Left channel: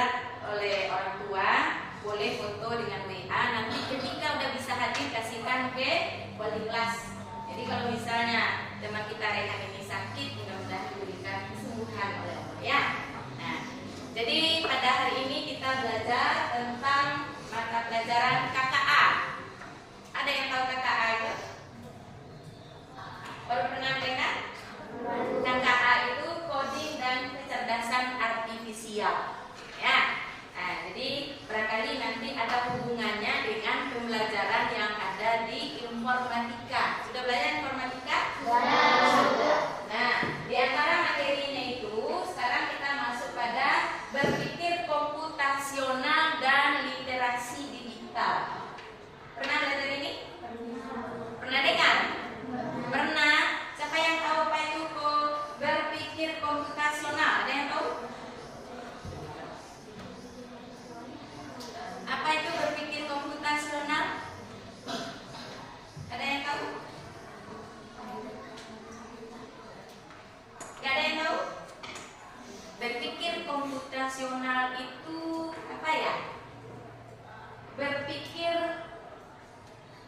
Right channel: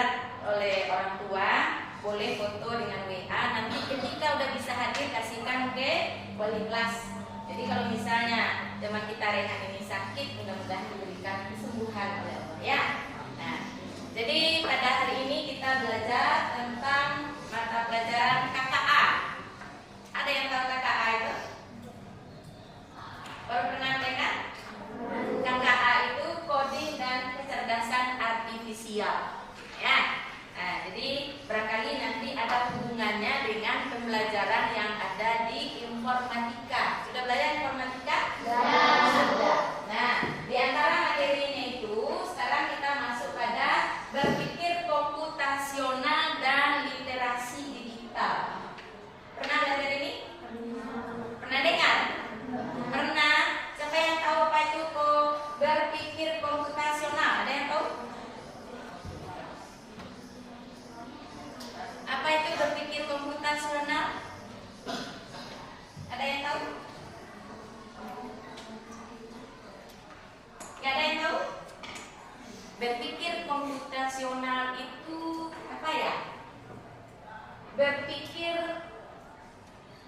surat oleh orang tua, boleh foto dengan WA. Nanti ketika udah bisa hadir kasihkan ke wali kelas. Jadi kalau misalnya teman kita Rehan ini sakit, mudah-mudahan diberikan kesembuhan oleh Allah ya. Nah, jadi pada hari ini kita belajar tentang mata pelajaran KKA. Ada yang tahu KKA itu? Baru pernah dengar? KKA itu coding dan kecerdasan artifisial. Ya. Nah, jadi barangkali nanti ada hubungannya dengan pembelajaran yang ada di informatika. Sudah belajar informatika? Sudah. Nah, di antara materinya itu sekarang kita masuk pada berpikir komputasional dan literasi digital. Pernah belajar ini? Pernah dengar? Pernah. Siapa yang tahu apa itu berpikir komputasional? Ada yang tahu? Apa itu berpikir komputasional? Ada yang tahu? Gak ada yang tahu? Berpikir komputasional itu apa ya? Berpikir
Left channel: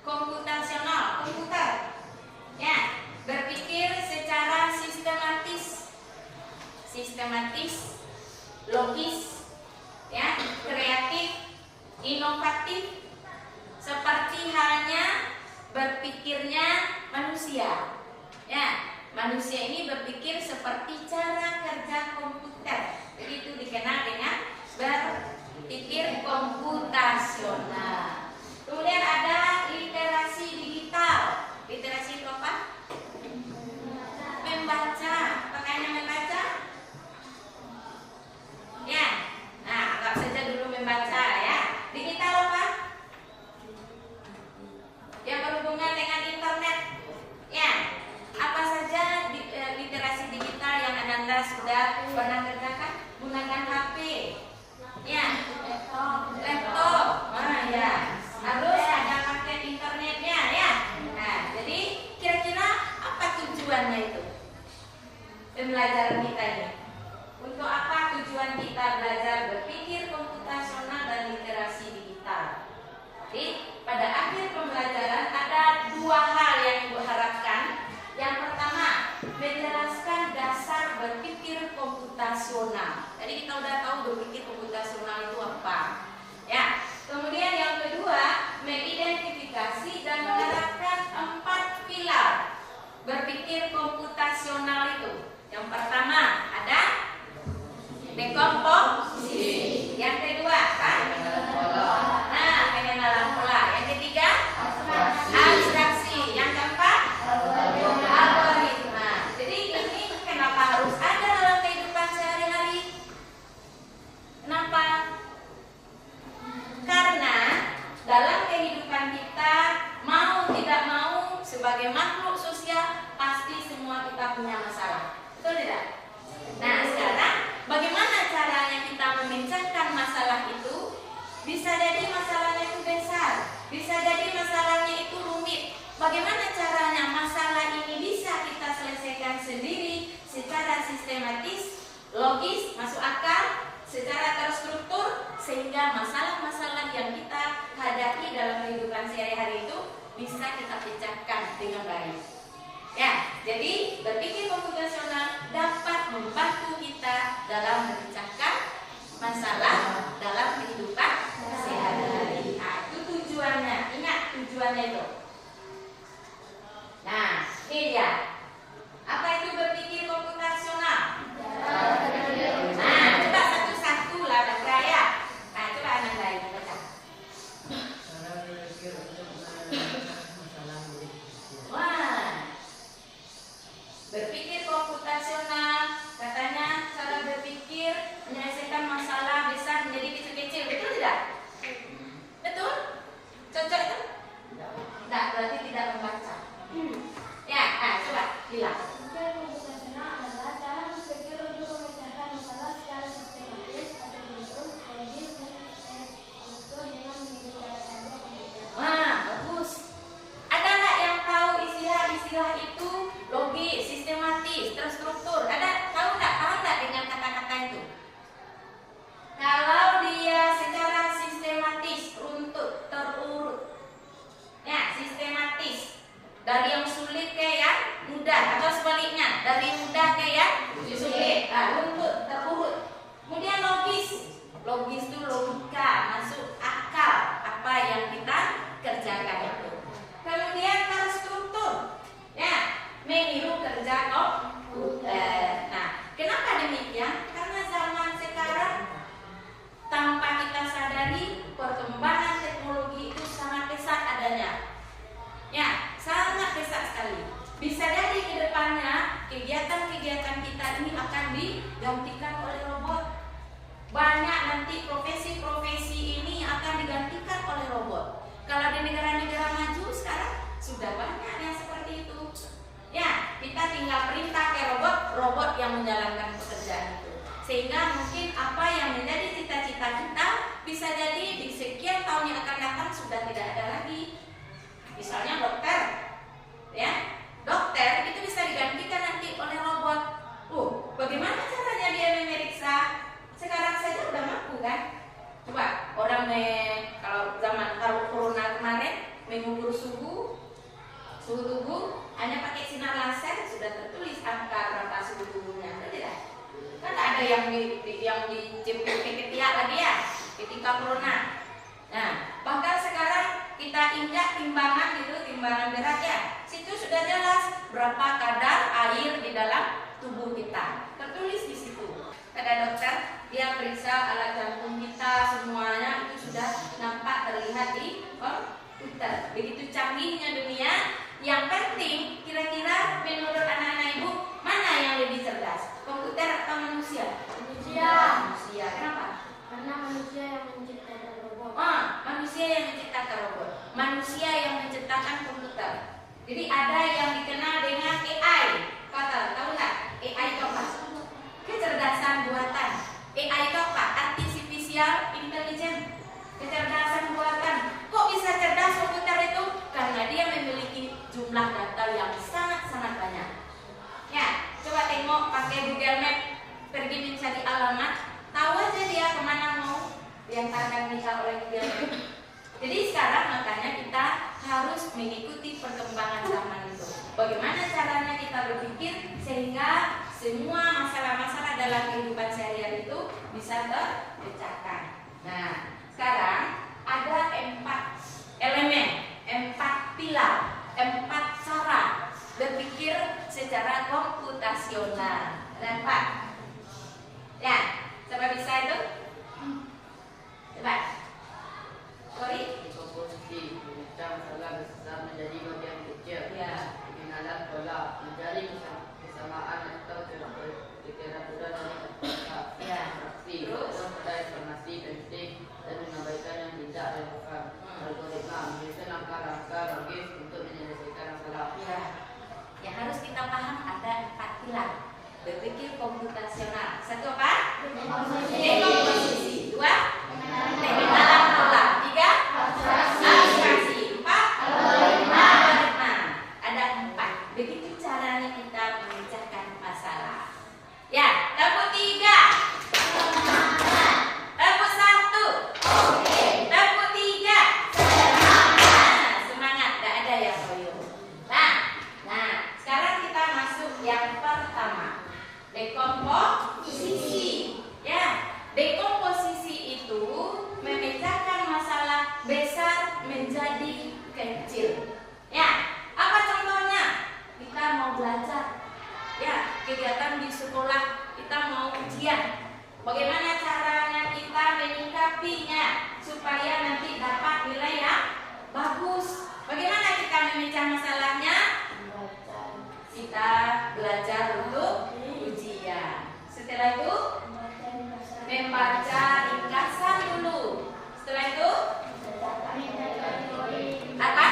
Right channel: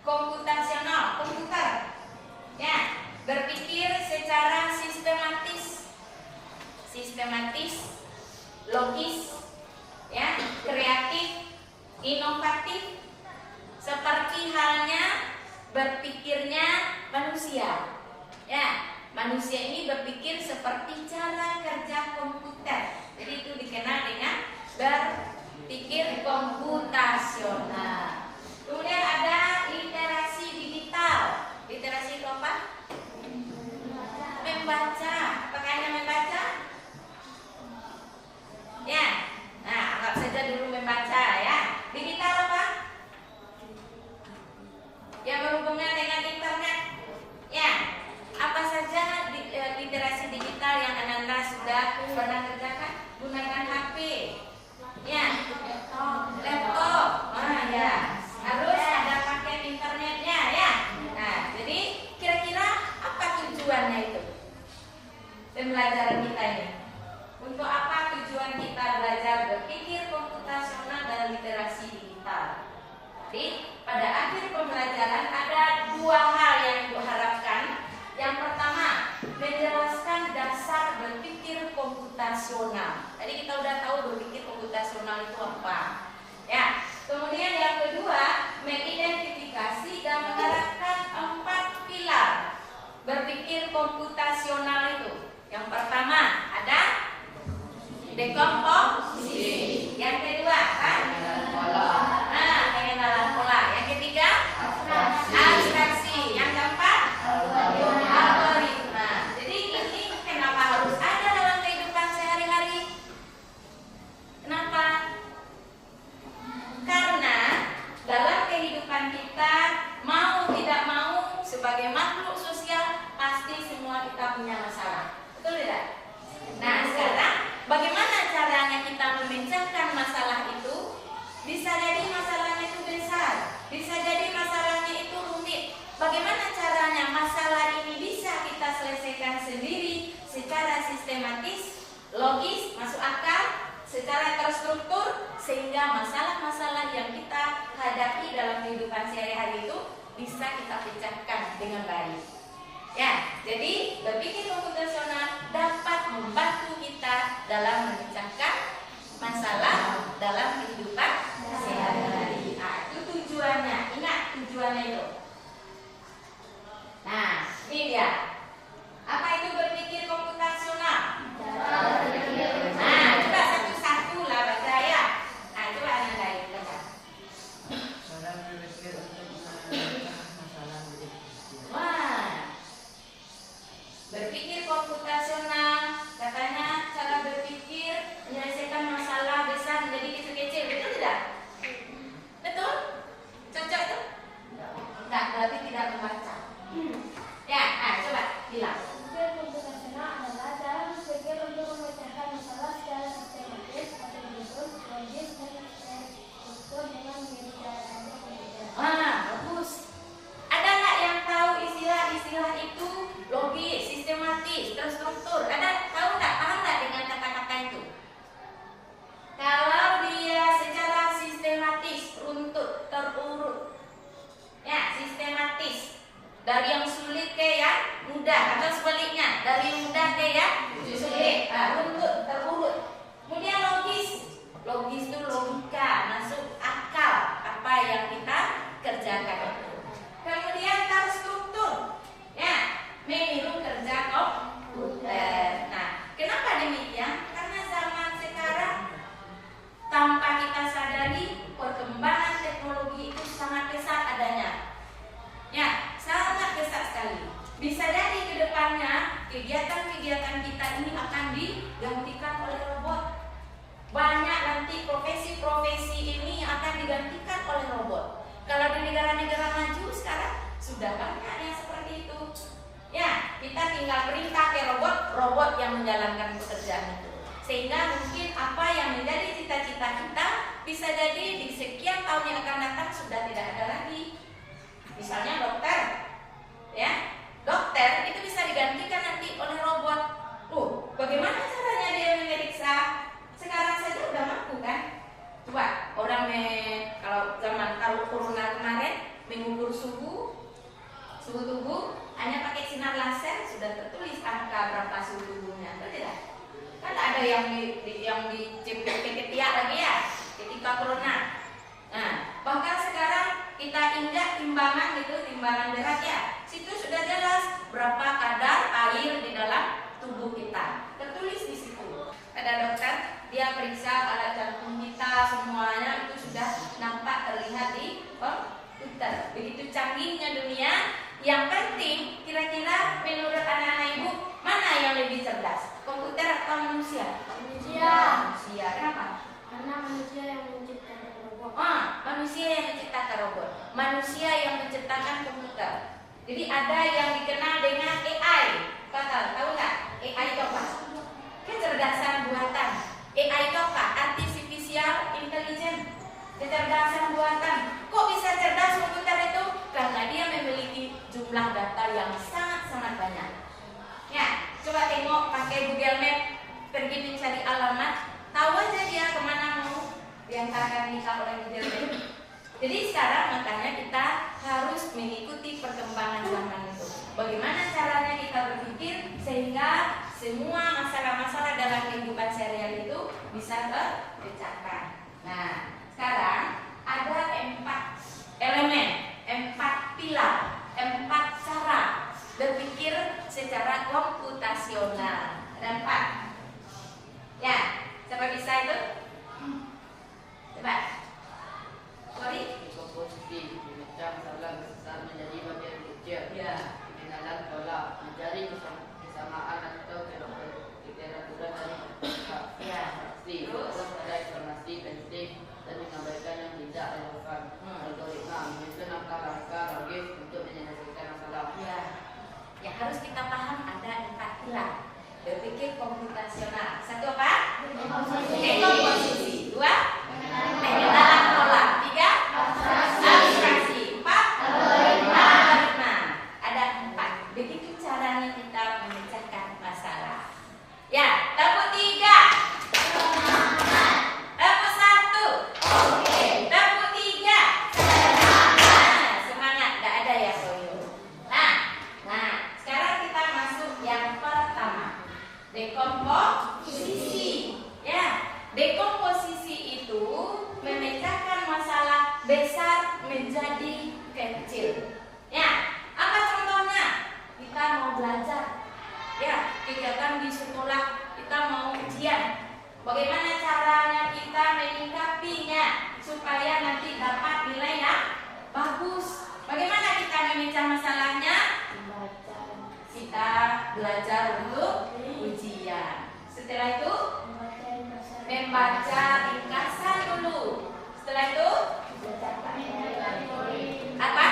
komputasional, komputer. Ya, berpikir secara sistematis, logis, ya, kreatif, inovatif, seperti halnya berpikirnya manusia. Ya, manusia ini berpikir seperti cara kerja komputer. Jadi itu dikenal dengan berpikir komputasional. Kemudian ada literasi digital. Literasi itu apa? Membaca. Pakainya membaca? Ya. Nah, anggap saja dulu membaca ya. Digital apa? Yang berhubungan dengan internet. Ya. Apa saja literasi digital yang Anda sudah pernah kerjakan? Gunakan HP. Ya. Laptop. Ya. Harus ada pakai internetnya ya. Nah, jadi kira-kira apa tujuannya itu? Pembelajaran kita ini. Untuk apa tujuan kita belajar berpikir komputasional dan literasi digital? Jadi pada akhir pembelajaran ada dua hal yang diharapkan. Yang pertama, menjelaskan dasar berpikir komputasional. Tadi kita udah tahu berpikir komputasional itu apa. Ya. Kemudian yang kedua, mengidentifikasi dan menerapkan 4 pilar berpikir komputasional itu. Yang pertama ada dekomposisi. Yang kedua apa? Pengenalan pola. Yang ketiga abstraksi. Yang keempat algoritma. Jadi ini kenapa harus ada dalam kehidupan sehari-hari? Kenapa? Karena dalam kehidupan kita mau tidak mau sebagai makhluk sosial pasti semua kita punya masalah. Betul tidak? Nah, sekarang bagaimana caranya kita memecahkan masalah itu? Bisa jadi masalahnya itu besar, bisa jadi masalahnya itu rumit. Bagaimana caranya masalah ini bisa kita selesaikan sendiri secara sistematis, logis, masuk akal, secara terstruktur, sehingga masalah-masalah yang kita hadapi dalam kehidupan sehari-hari itu bisa kita pecahkan dengan baik. Ya, jadi berpikir komputasional dapat membantu kita dalam memecahkan masalah dalam kehidupan sehari-hari. Nah, itu tujuannya. Ingat tujuannya itu. Nah, ini dia. Apa itu berpikir komputasional? Nah, coba satu-satu lah baca ya. Nah, coba Anda baca. Wah, berpikir komputasional katanya cara berpikir digantikan oleh robot. Banyak nanti profesi-profesi ini akan digantikan oleh robot. Kalau di negara-negara maju sekarang sudah banyak yang seperti itu. Ya, kita tinggal perintah ke robot, robot yang menjalankan pekerjaan itu. Sehingga mungkin apa yang menjadi cita-cita kita bisa jadi di sekian tahun yang akan datang sudah tidak ada lagi. Misalnya dokter, ya, dokter itu bisa digantikan nanti oleh robot. Bagaimana caranya dia memeriksa? Sekarang saja udah mampu kan? Coba orang kalau zaman corona kemarin mengukur suhu tubuh hanya pakai sinar laser sudah tertulis angka berapa suhu tubuhnya, betul tidak? Kan tak ada yang dicipit ke ketiak lagi ya ketika corona. Nah, bahkan sekarang kita injak timbangan gitu, timbangan berat ya, situ sudah jelas berapa kadar air di dalam tubuh kita, tertulis di situ. Ada dokter, dia periksa alat jantung kita semuanya itu sudah nampak terlihat di komputer. Begitu canggihnya dunia. Yang penting kira-kira menurut anak-anak ibu mana yang lebih cerdas, komputer atau manusia? Manusia. Kenapa? Karena manusia yang menciptakan robot. Manusia yang menciptakan robot. Manusia yang menciptakan komputer. Jadi ada yang dikenal dengan AI. Tahu nggak? AI itu apa? Kecerdasan buatan. AI itu apa? Artificial Intelligence. Kecerdasan buatan. Kok bisa cerdas komputer itu? Karena dia memiliki jumlah data yang sangat-sangat banyak. Ya, coba tengok pakai Google Map, pergi mencari alamat, tahu aja dia kemana mau diantarkan kita oleh Google Map. Jadi sekarang makanya kita harus mengikuti perkembangan zaman itu. Bagaimana caranya kita berpikir sehingga semua masalah-masalah dalam kehidupan sehari-hari itu bisa terpecahkan. Nah, sekarang ada 4 elemen, 4 pilar, 4 cara berpikir secara komputasional. Ada 4. Ya, siapa bisa itu? Coba. Sorry. Komposisi, memecah masalah besar menjadi bagian kecil. Ya. Pengenalan pola, mencari kesamaan atau kira-kira dari Ya. fraksi, pada informasi penting dan mengabaikan yang tidak relevan. Algoritma menyusun langkah-langkah logis untuk menyelesaikan masalah. Ya. Yang harus kita paham ada 4 pilar berpikir komputasional. 1 apa? Dekomposisi. 2 pengenalan pola. 3 abstraksi. 4 algoritma. Ada 4. Begitu caranya kita memecahkan masalah. Ya, tabuk 3. Tabuk 1. Tabuk 3. Semangat, tidak ada yang loyo. Nah, sekarang kita masuk yang pertama. Dekomposisi. Ya, dekomposisi itu memecahkan masalah besar menjadi kecil. Ya, apa contohnya? Kita mau belajar. Ya, kegiatan di sekolah kita mau ujian. Bagaimana caranya kita menyikapinya supaya nanti dapat nilai yang bagus? Bagaimana kita memecah masalahnya? Kita belajar untuk ujian. Setelah itu membaca ringkasan dulu. Setelah itu apa?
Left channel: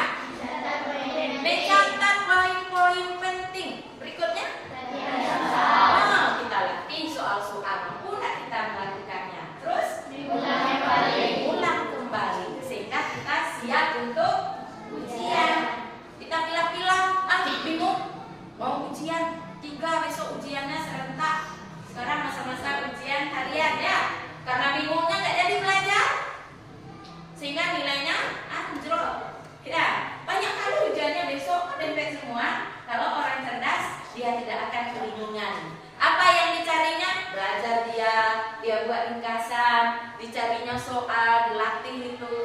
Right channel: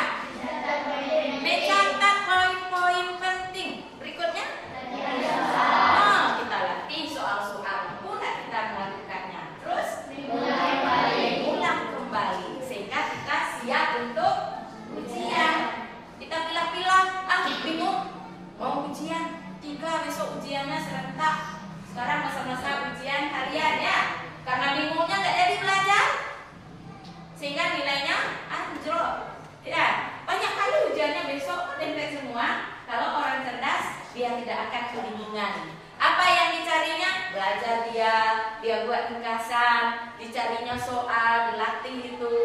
Mencatat poin-poin penting. Berikutnya kita latih soal-soal mudah kita melakukannya. Terus ulang kembali sehingga kita siap untuk ujian. Kita pilih-pilih, bingung mau ujian 3, besok ujiannya serentak. Sekarang masa-masa ujian harian ya. Karena bingungnya nggak jadi belajar sehingga nilainya anjlok. Ya, banyak kali ujiannya besok pendek semua. Kalau orang cerdas dia tidak akan kebingungan. Apa yang dicarinya? Belajar dia buat ringkasan, dicarinya soal, dilatih itu.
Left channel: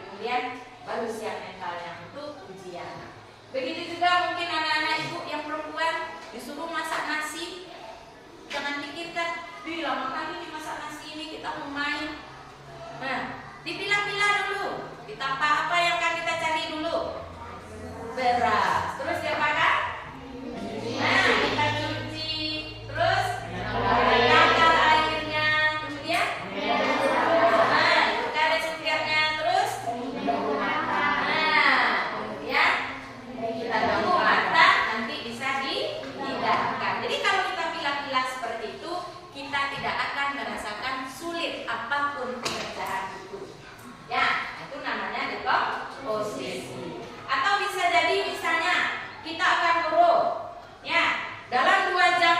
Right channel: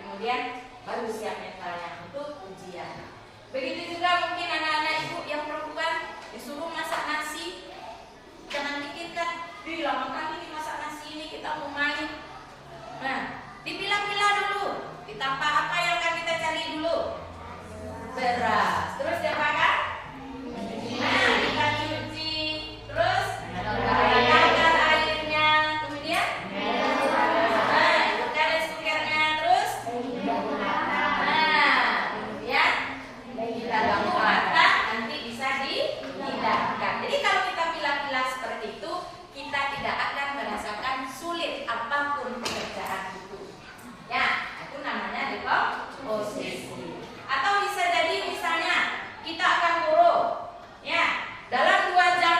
Kemudian baru siap mentalnya untuk ujian. Begitu juga mungkin anak-anak ibu yang perempuan disuruh masak nasi. Jangan pikirkan, lama kali nih masak nasi ini kita mau main. Nah, dipilah-pilah dulu. Kita apa yang akan kita cari dulu? Beras. Terus diapakan? Nah, kita cuci. Terus bakar apapun pekerjaan itu. Ya, itu namanya deposisi. Atau bisa jadi misalnya kita akan guru, ya, dalam 2 jam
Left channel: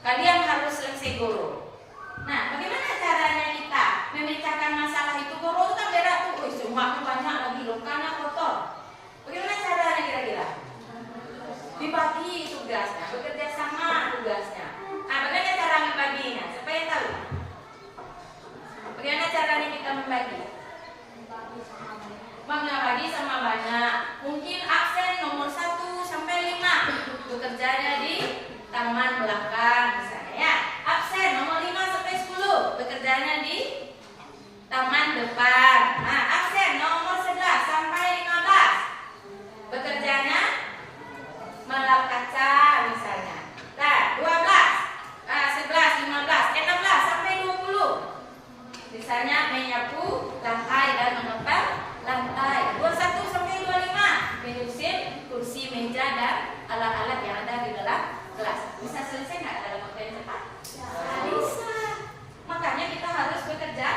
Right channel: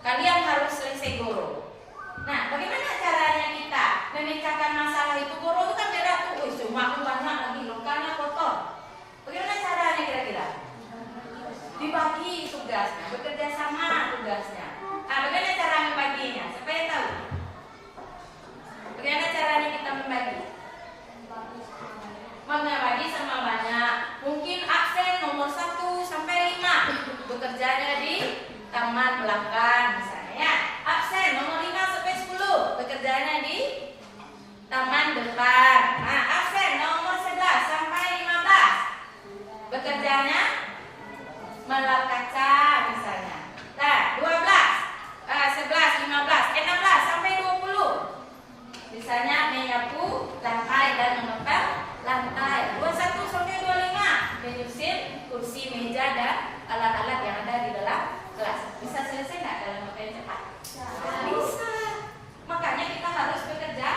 kalian harus selesai guru. Nah, bagaimana caranya kita memecahkan masalah itu? Guru itu kan beda tuh, semua banyak lagi loh, karena kotor. Bagaimana caranya kira-kira? Dibagi tugasnya, bekerja sama tugasnya. Nah, bagaimana cara membaginya? Supaya tahu. Bagaimana caranya kita membagi? Membagi sama banyak. Mungkin absen nomor 1 sampai 5 bekerjanya di taman belakang misalnya, ya. Absen nomor 5 sampai 10 bekerjanya di taman depan. Nah, absen nomor 11 sampai 15 bekerjanya melap kaca misalnya. Nah, 12, 11, 15, 16 sampai 20 misalnya menyapu lantai dan mengepel lantai. 21 sampai 25 menyusun kursi, meja dan alat-alat yang ada di dalam kelas. Bisa selesai nggak dalam waktu yang cepat? Bisa. Makanya kita harus bekerja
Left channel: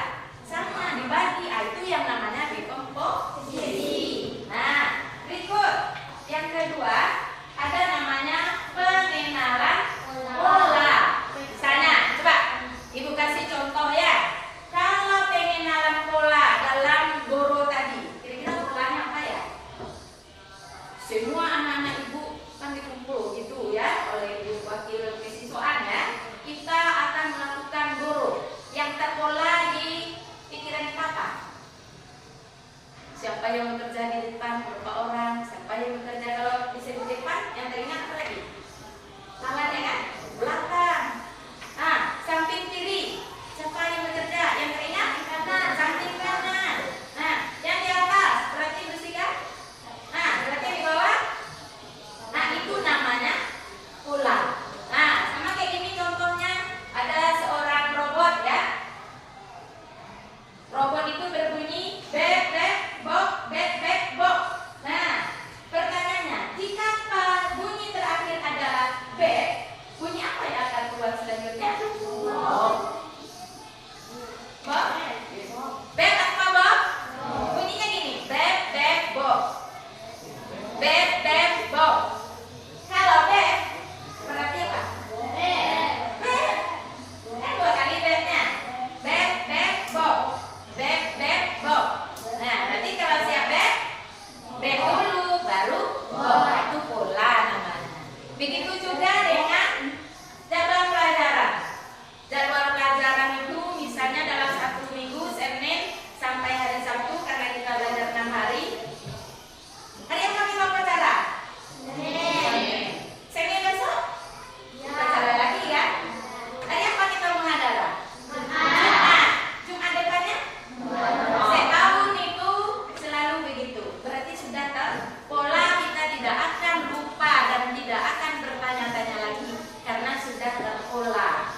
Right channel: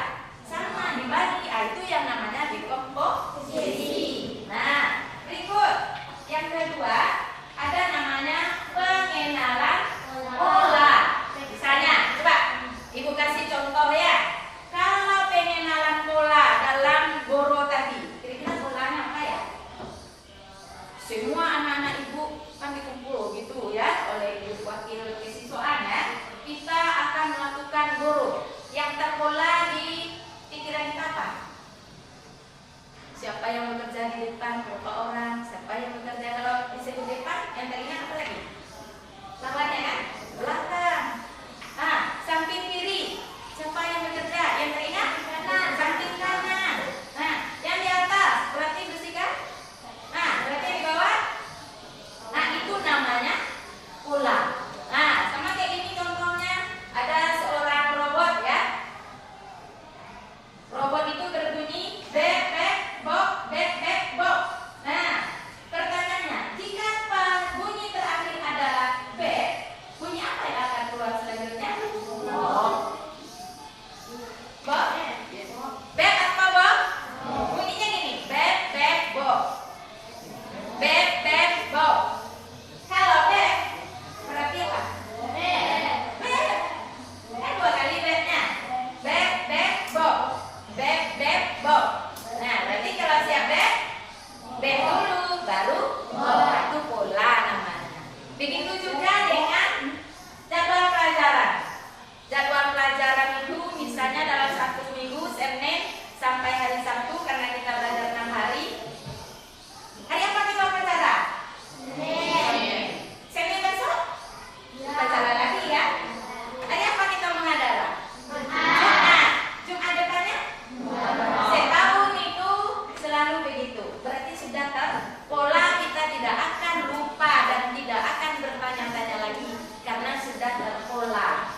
sama, dibagi. Itu yang namanya dekomposisi. Nah, berikut yang kedua ada namanya pengenalan pola. Misalnya, coba Ibu kasih contoh ya. Kalau pengenalan pola dalam guru tadi, kira-kira polanya apa ya? Semua anak-anak ibu kan dikumpul gitu ya oleh ibu wakil kesiswaan ya. Kita akan melakukan guru yang terpola di pikiran kita apa? Siapa yang bekerja di depan, berapa orang? Siapa yang bekerja kalau disebut depan? Yang teringat apa lagi? Lawannya kan? Belakang. Ah, samping kiri. Siapa yang bekerja? Yang teringat? Kanan. Samping kanan. Nah, yang di atas berarti bersihkan. Nah, berarti di bawah. Nah, itu namanya pola. Nah, sama kayak gini contohnya. Ada seorang robot ya. Robot itu berbunyi bek bek bok bek bek bok. Nah, pertanyaannya, jika bunyi terakhir adalah bek, bunyi apa yang akan keluar selanjutnya? Bok. Bok? Bek apa bok? Bunyinya gini, bek bek bok. Bek bek bok. Kalau bek berarti apa? Bek. Bek. Kan 2 kali beknya. Bek bek bok. Bek bek bok. Nah, berarti kalau siap bek dulu baru bok. Itu pola namanya. Begitu juga dengan jadwal pelajaran. Jadwal pelajaran itu misalnya dalam 1 minggu Senin sampai hari Sabtu, karena kita belajar 6 hari. Hari apa kita upacara? Senin. Senin besok? Upacara lagi ya. Hari apa kita menghadara? Jumat. Jumat depannya? Setahun itu selalu begitu. Berarti sudah terpola, kita tidak akan lupa dan tidak akan bertanya-tanya lagi karena sudah terpola.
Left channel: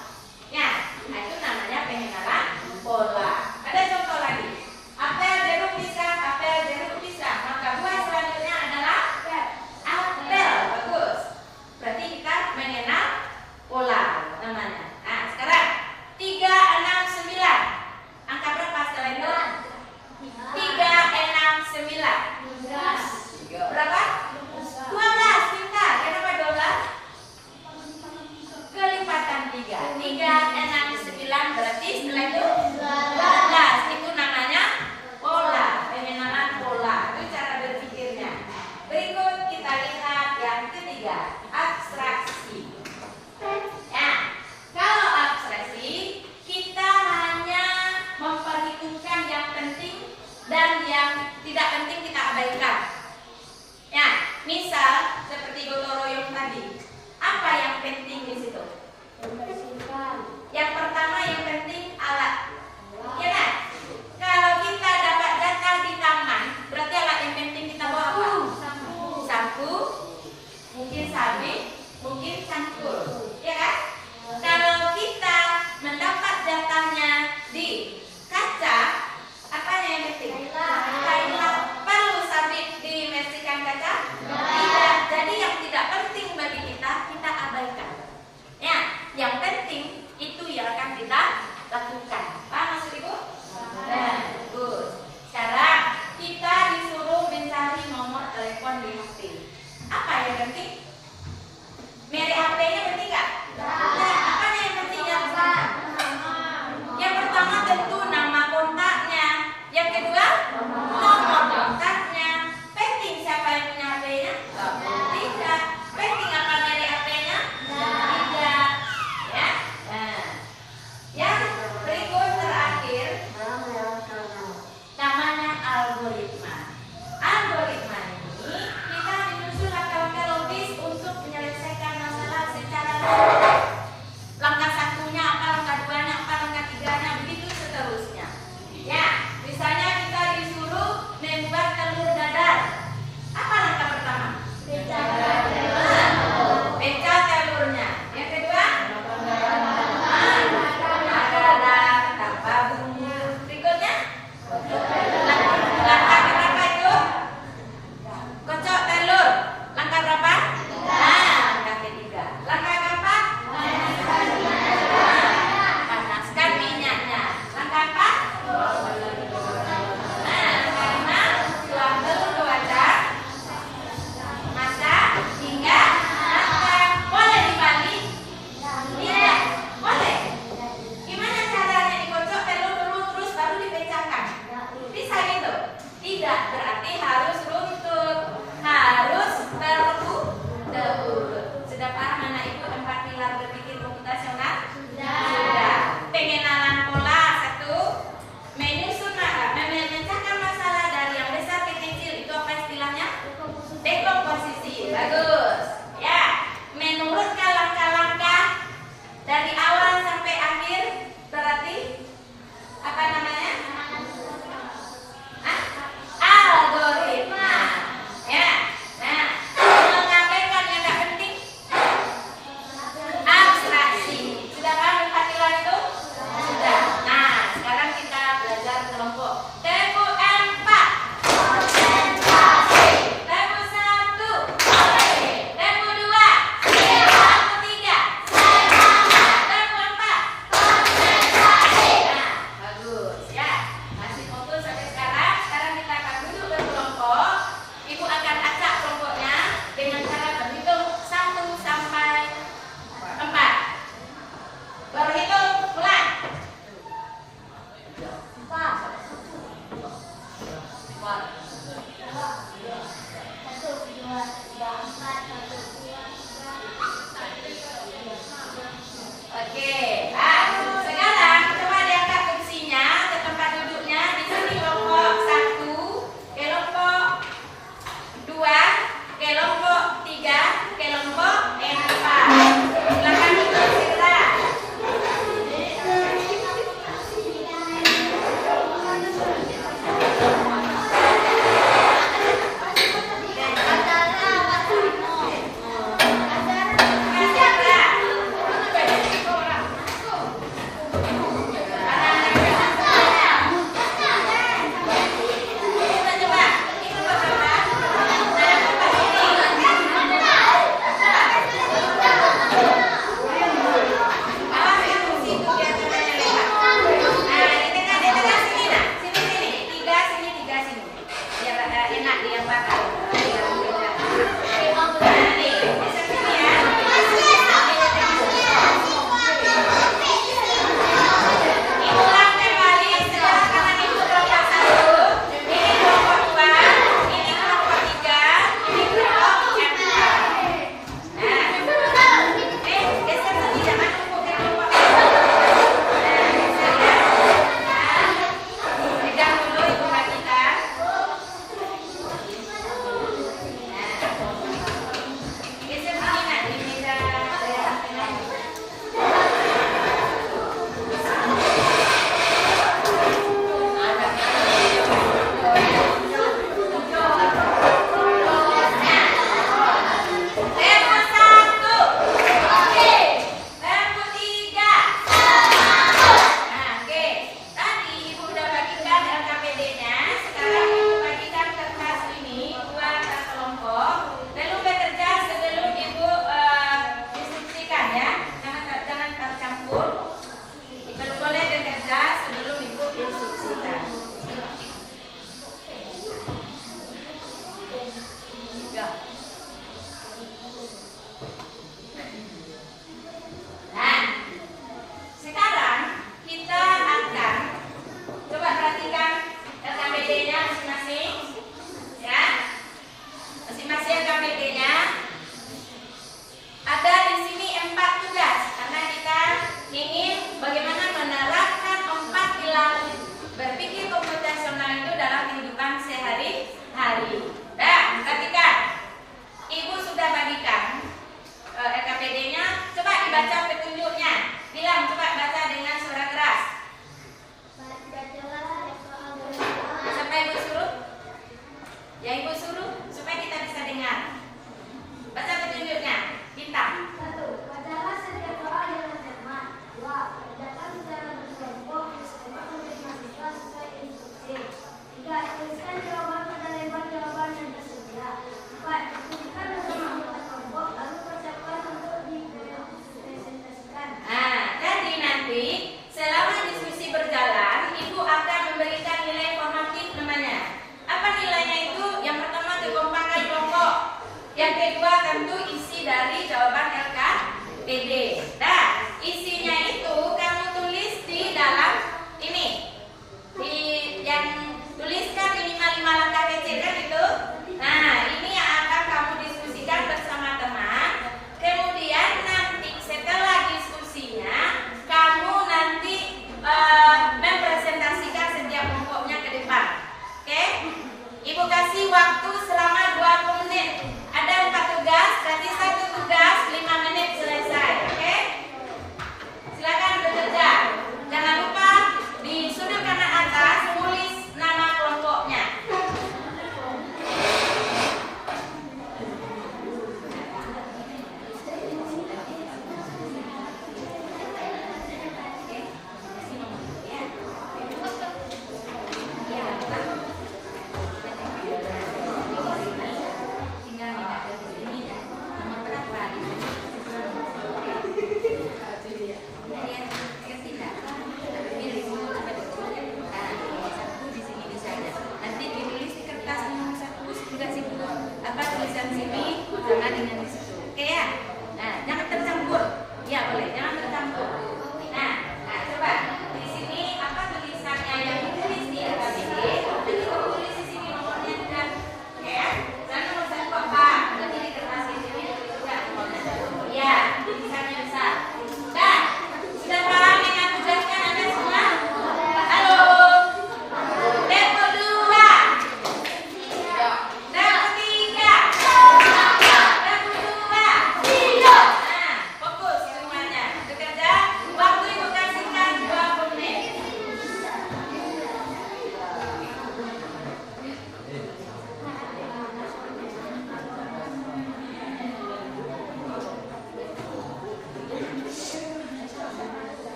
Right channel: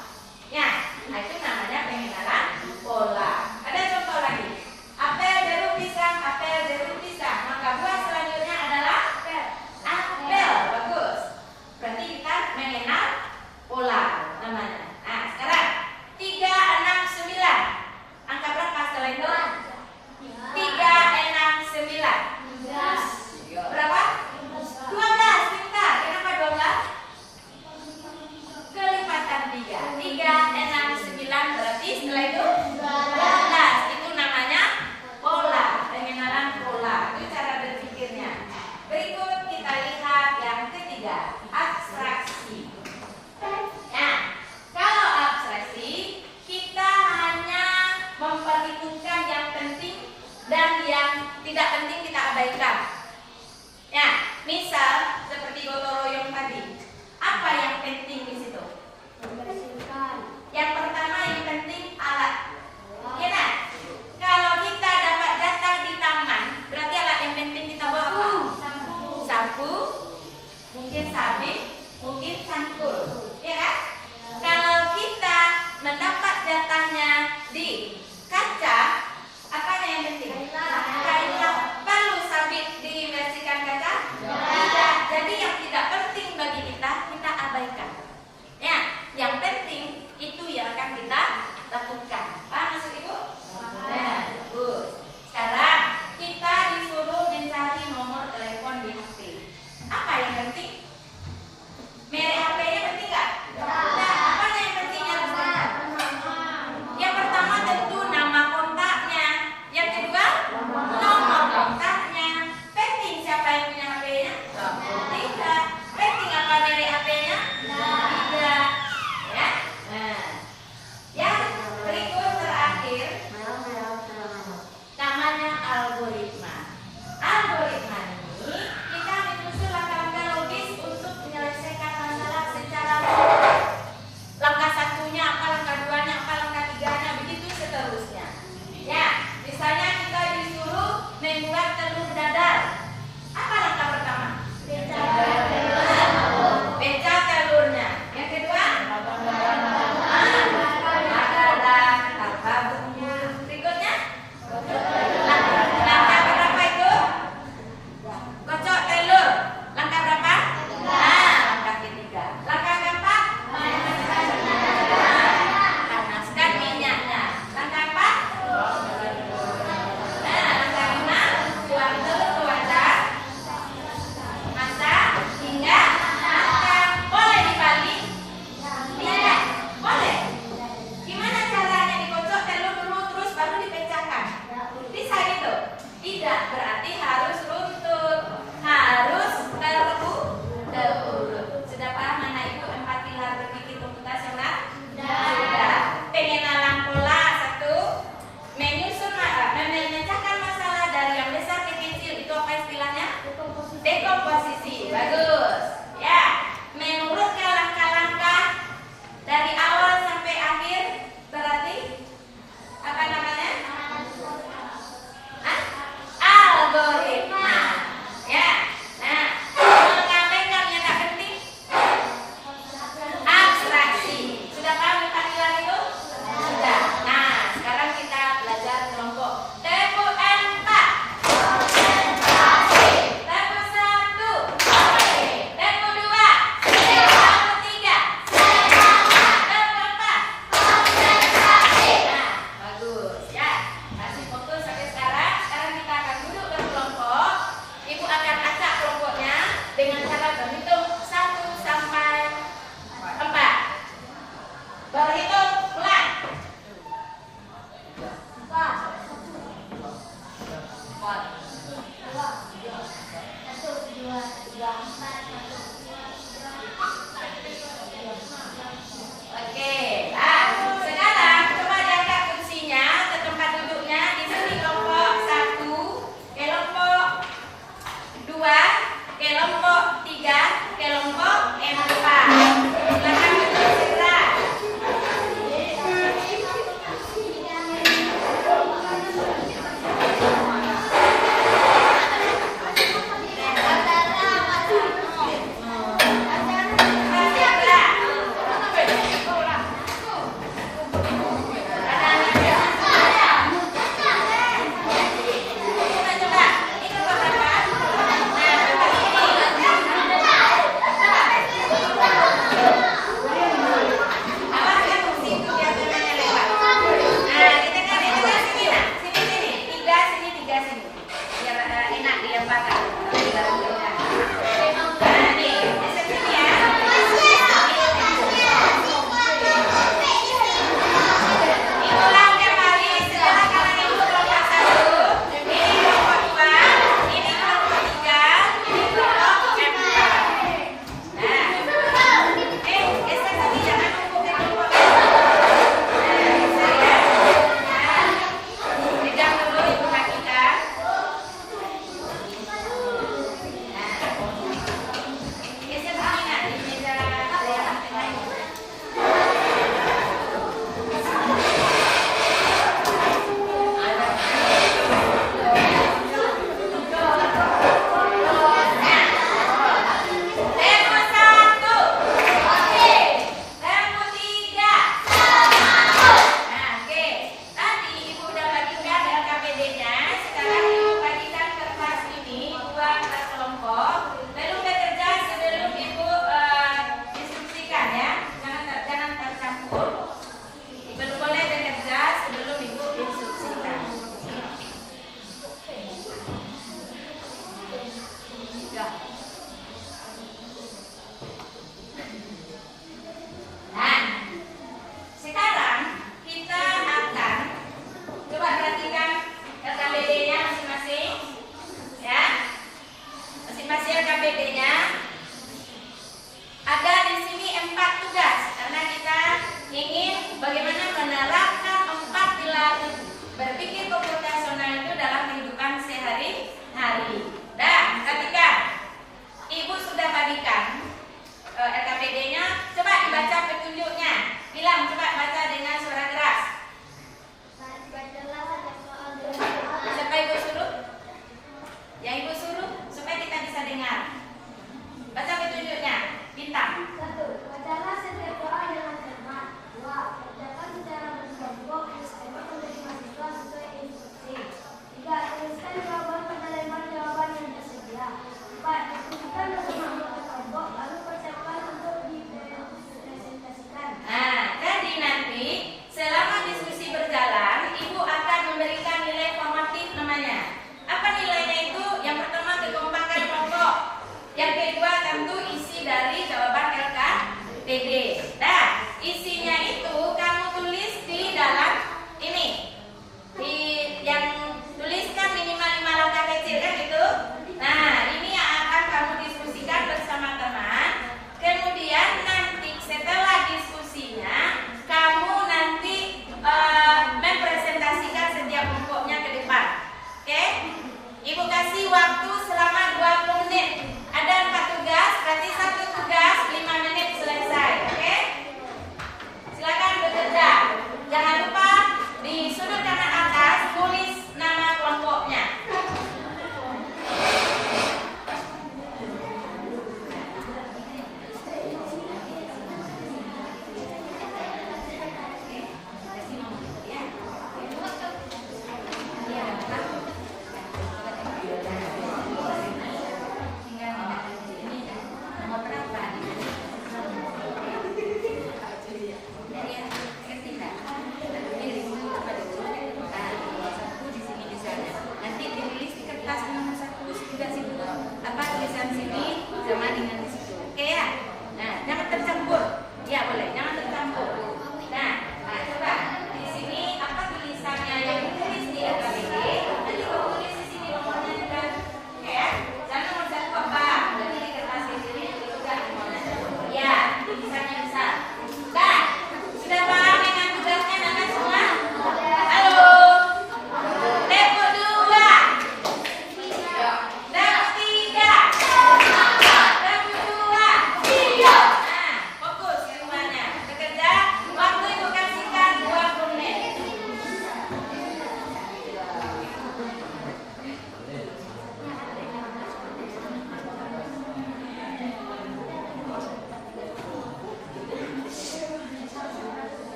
Ya, nah itu namanya pengenalan pola. Ada contoh lagi. Apel, jeruk, pisang, apel, jeruk, pisang. Maka buah selanjutnya adalah apel. Bagus. Berarti kita mengenal pola namanya. Nah, sekarang 3, 6, 9. Angka berapa setelah itu? 3, 6, 9. Berapa? 12. Pintar. Kenapa 12? Kelipatan 3. 3, 6, 9 berarti setelah itu 12. Itu namanya pola, pengenalan pola. Itu cara berpikirnya. Berikut kita lihat yang ketiga, abstraksi. Ya, kalau abstraksi kita hanya memperhitungkan yang penting dan yang tidak penting kita abaikan. Ya, misal seperti gotong royong tadi. Apa yang penting di situ? Yang pertama yang penting alat. Ya kan? Kalau kita dapat data di tangan, berarti alat yang penting kita bawa apa? Sapu, mungkin sabit, mungkin cangkul. Ya kan? Kalau kita mendapat datanya di kaca, apa yang penting? Kain. Perlu sabit diversikan kaca? Tidak. Jadi yang tidak penting bagi kita abaikan. Ya, yang penting itu yang akan kita lakukan. Paham maksud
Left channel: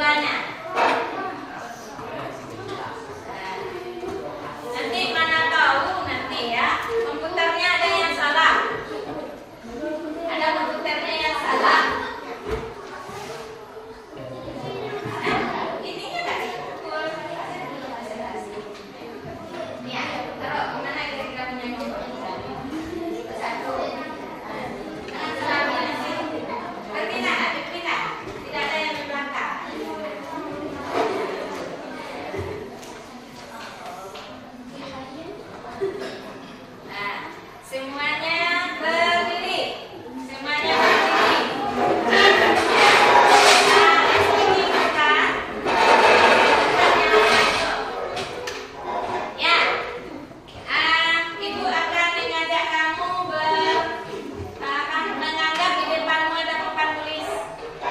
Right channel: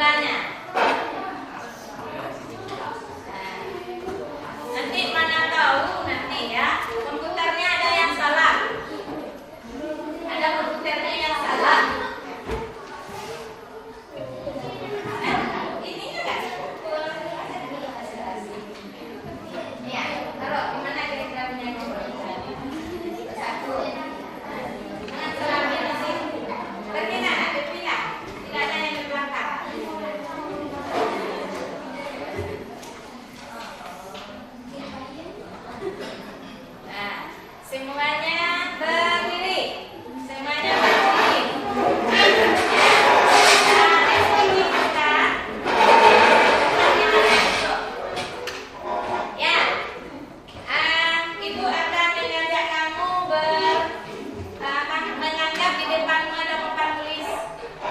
duanya. Nanti mana tahu nanti ya komputernya ada yang salah. Ada komputernya yang salah. Ini enggak dipukul. Ya, taruh di mana kira-kira punya komputer? Satu. Jangan selalu sih. Berpindah. Tidak ada yang di belakang. Nah, semuanya berdiri. Semuanya berdiri. Nah, dari sini kita ya. Ibu akan mengajak kamu menganggap di depanmu ada papan tulis,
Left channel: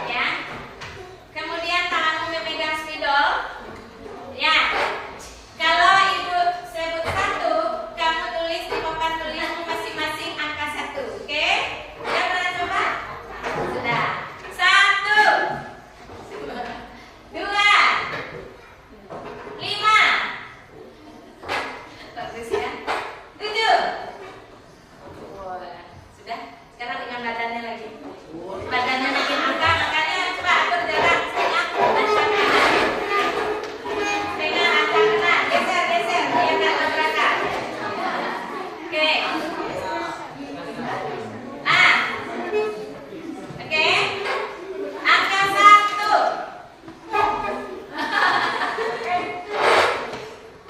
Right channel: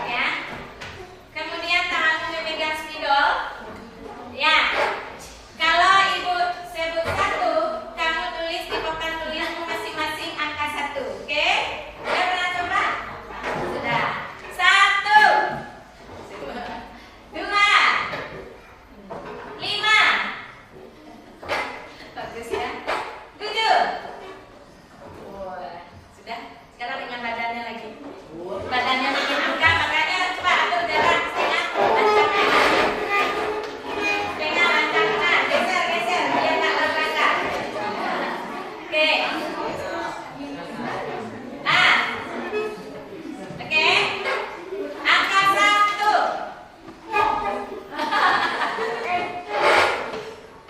ya. Kemudian tanganmu memegang spidol, ya. Kalau ibu sebut satu, kamu tulis di papan tulismu masing-masing angka 1, oke? Sudah pernah coba? Sudah. 1, 2, 5. Bagus ya. 7. Wah, sudah. Sekarang dengan badannya lagi. Badannya bikin angka, makanya coba atur jarak. Ya, ancang kanan. Pegang ancang kanan. Geser. Biar nggak tabrakan. Oke. Oke. Angka 1.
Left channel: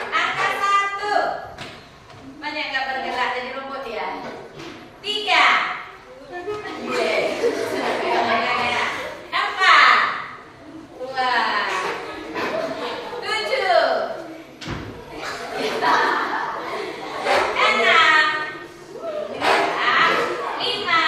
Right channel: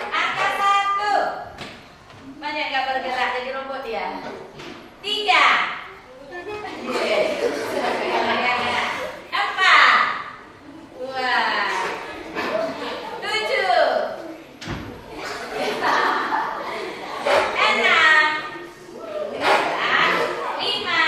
Angka 1. Banyak nggak bergerak jadi robot ya. 3. 4. Wah. 7. 6. 5.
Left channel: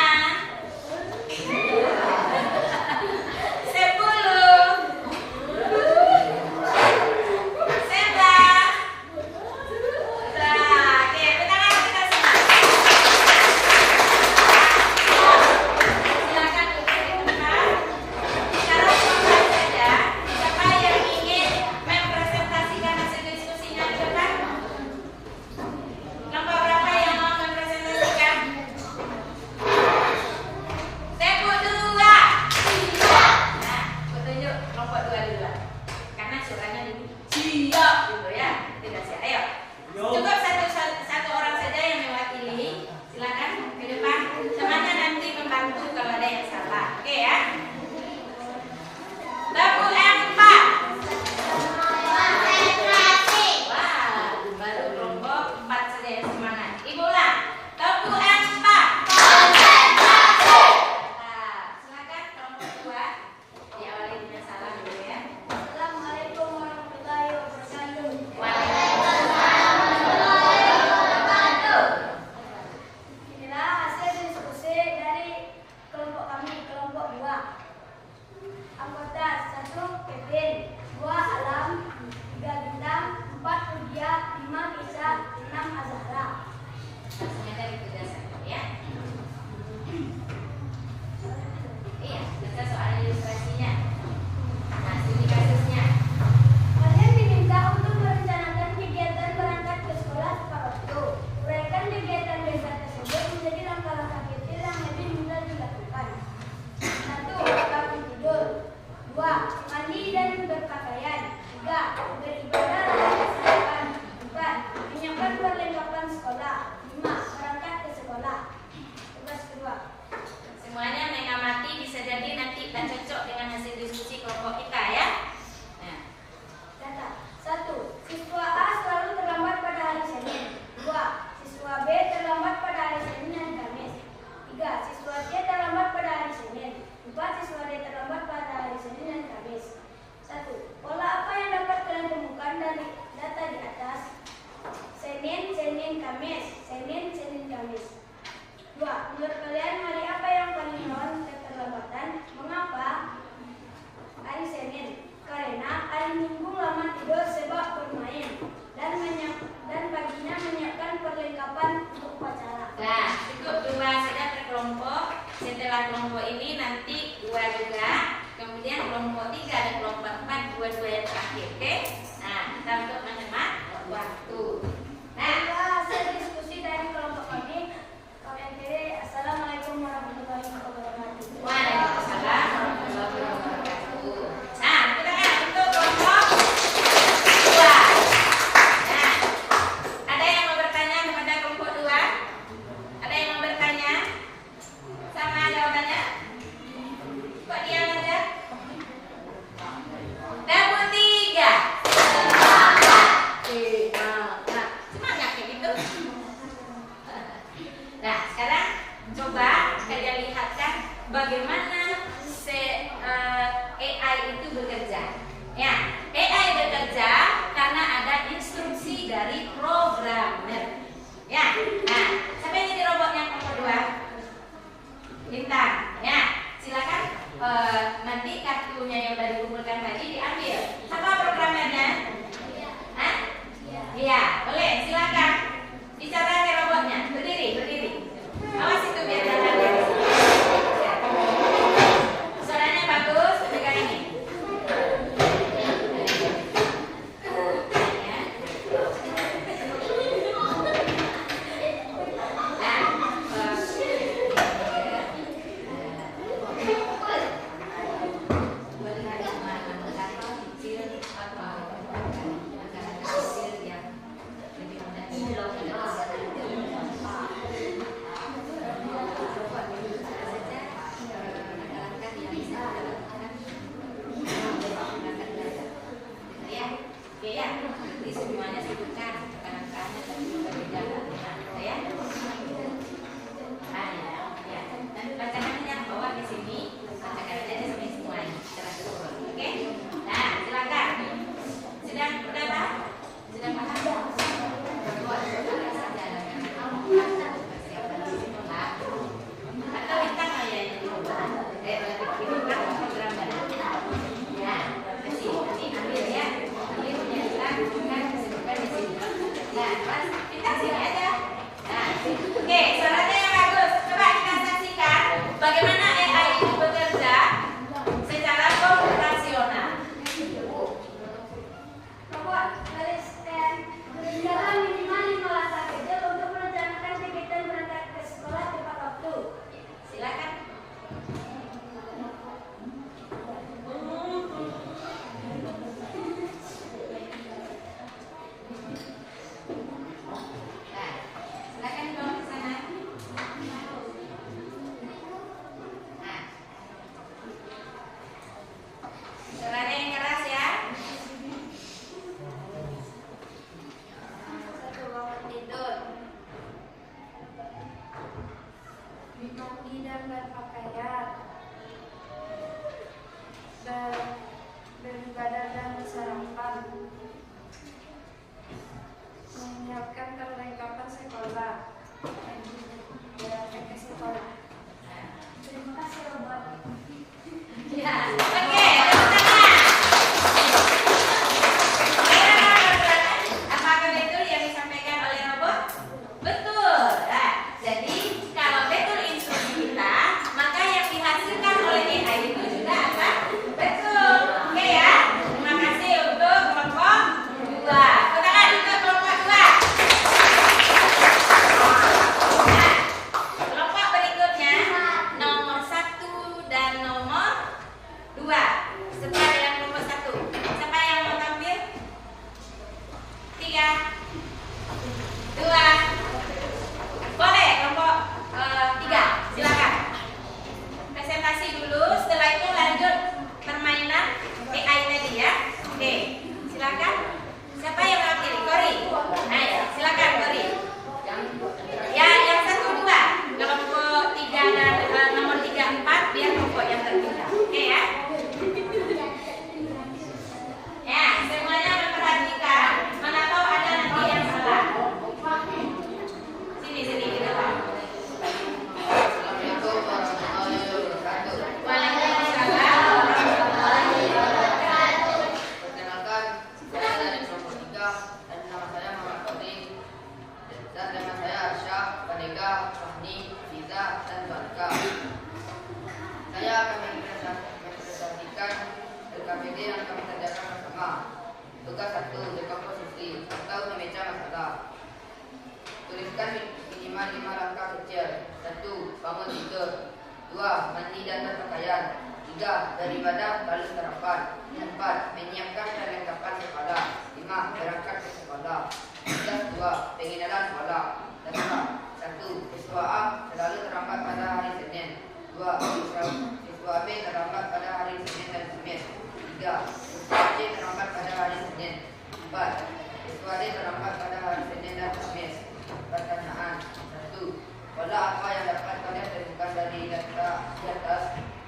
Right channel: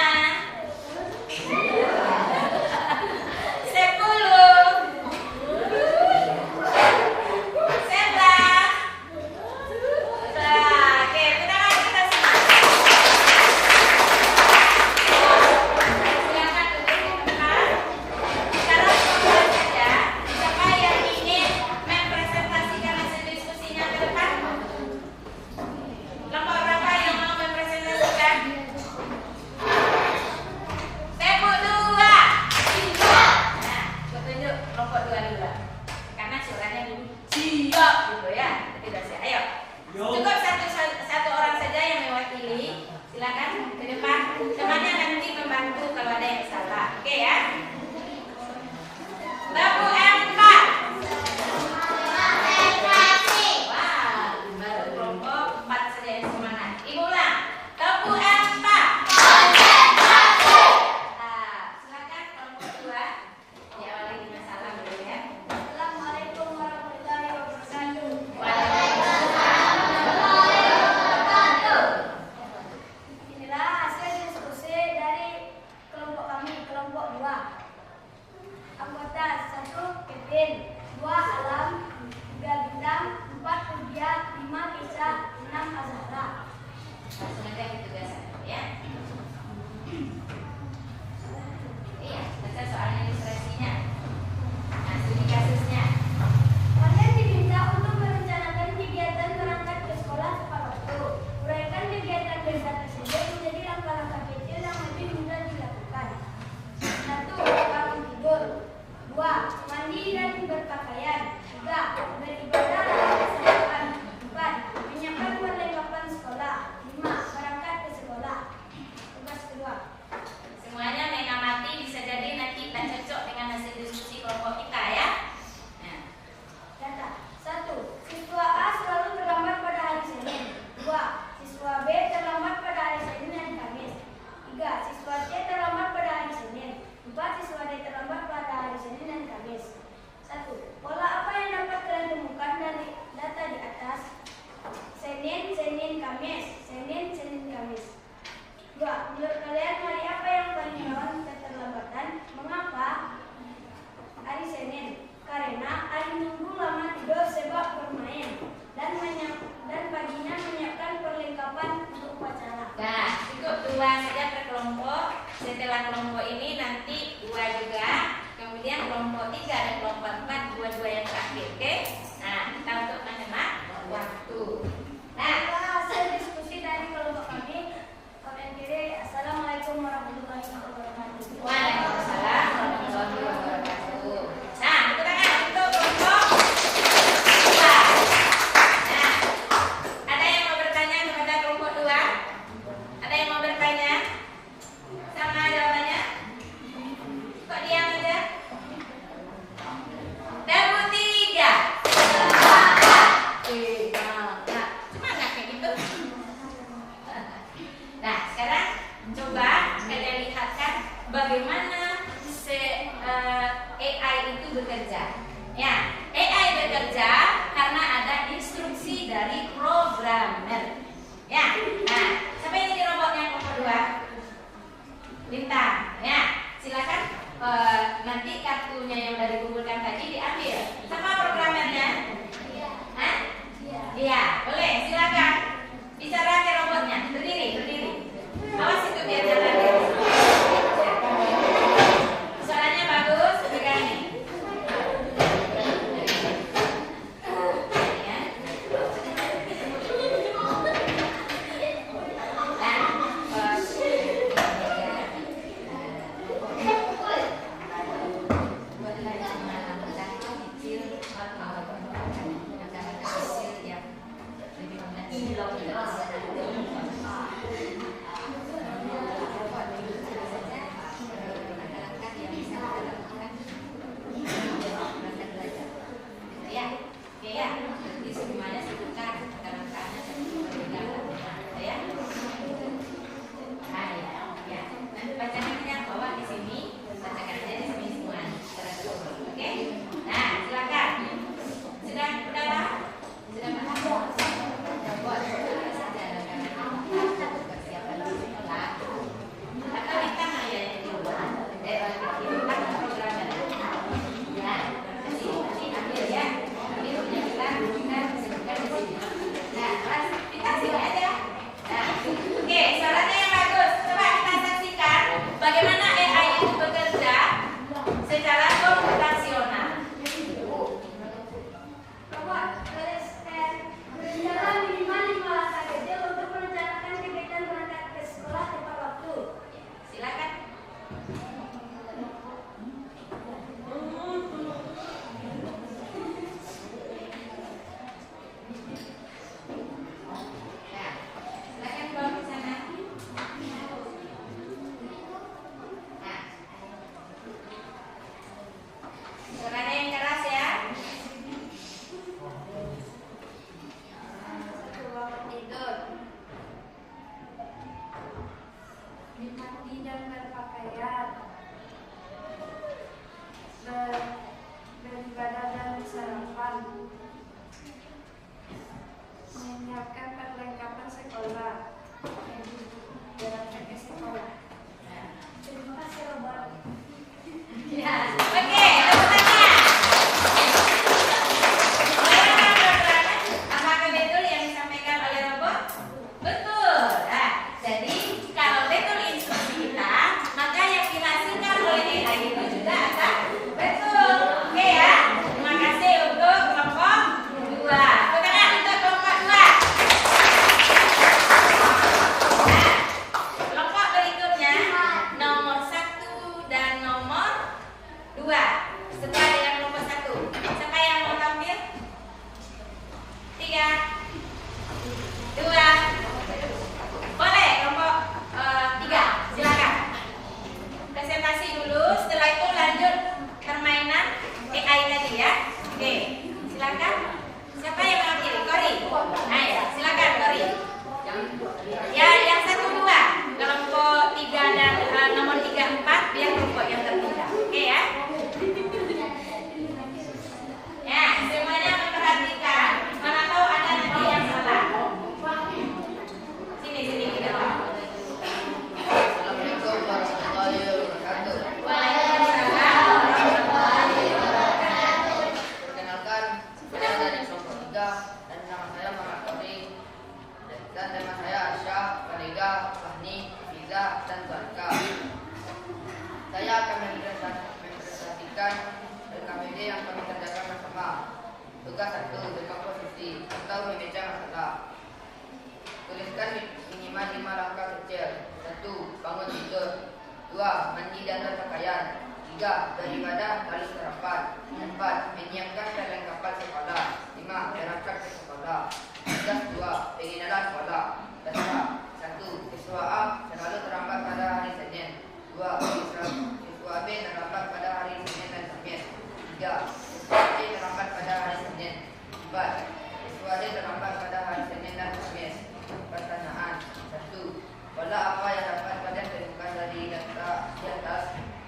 6 Azhara. Ternyata gitu guys, ya. Iya, baca soal ilustrasinya. Nah, ini kasusnya. Kalian diminta untuk merencanakan kegiatan berangkat ke sekolah tepat waktu. Uraikan kegiatan besar tersebut menjadi langkah-langkah kecil yang lebih mudah dilakukan. 1. Bangun tidur. 2. Mandi dan berpakaian. 3. Beribadah dan kesehatan. 4. Menyiapkan perlengkapan sekolah. 5. Berangkat ke sekolah. Ya, AI bekerja karena ada instruksi dari programmer. Ya, nah, siapa yang jadi robotnya nomor 2? Bintang. Ya, silakan nanti kartunya yang udah dikumpulkan tadi diambil. Siapa programmernya? Hah? Iya, boleh. Silakan. Bicara ke robotnya. Berdiri, berdiri. Awas itu biar jalan ya. Suaranya bagus. Pegang ini.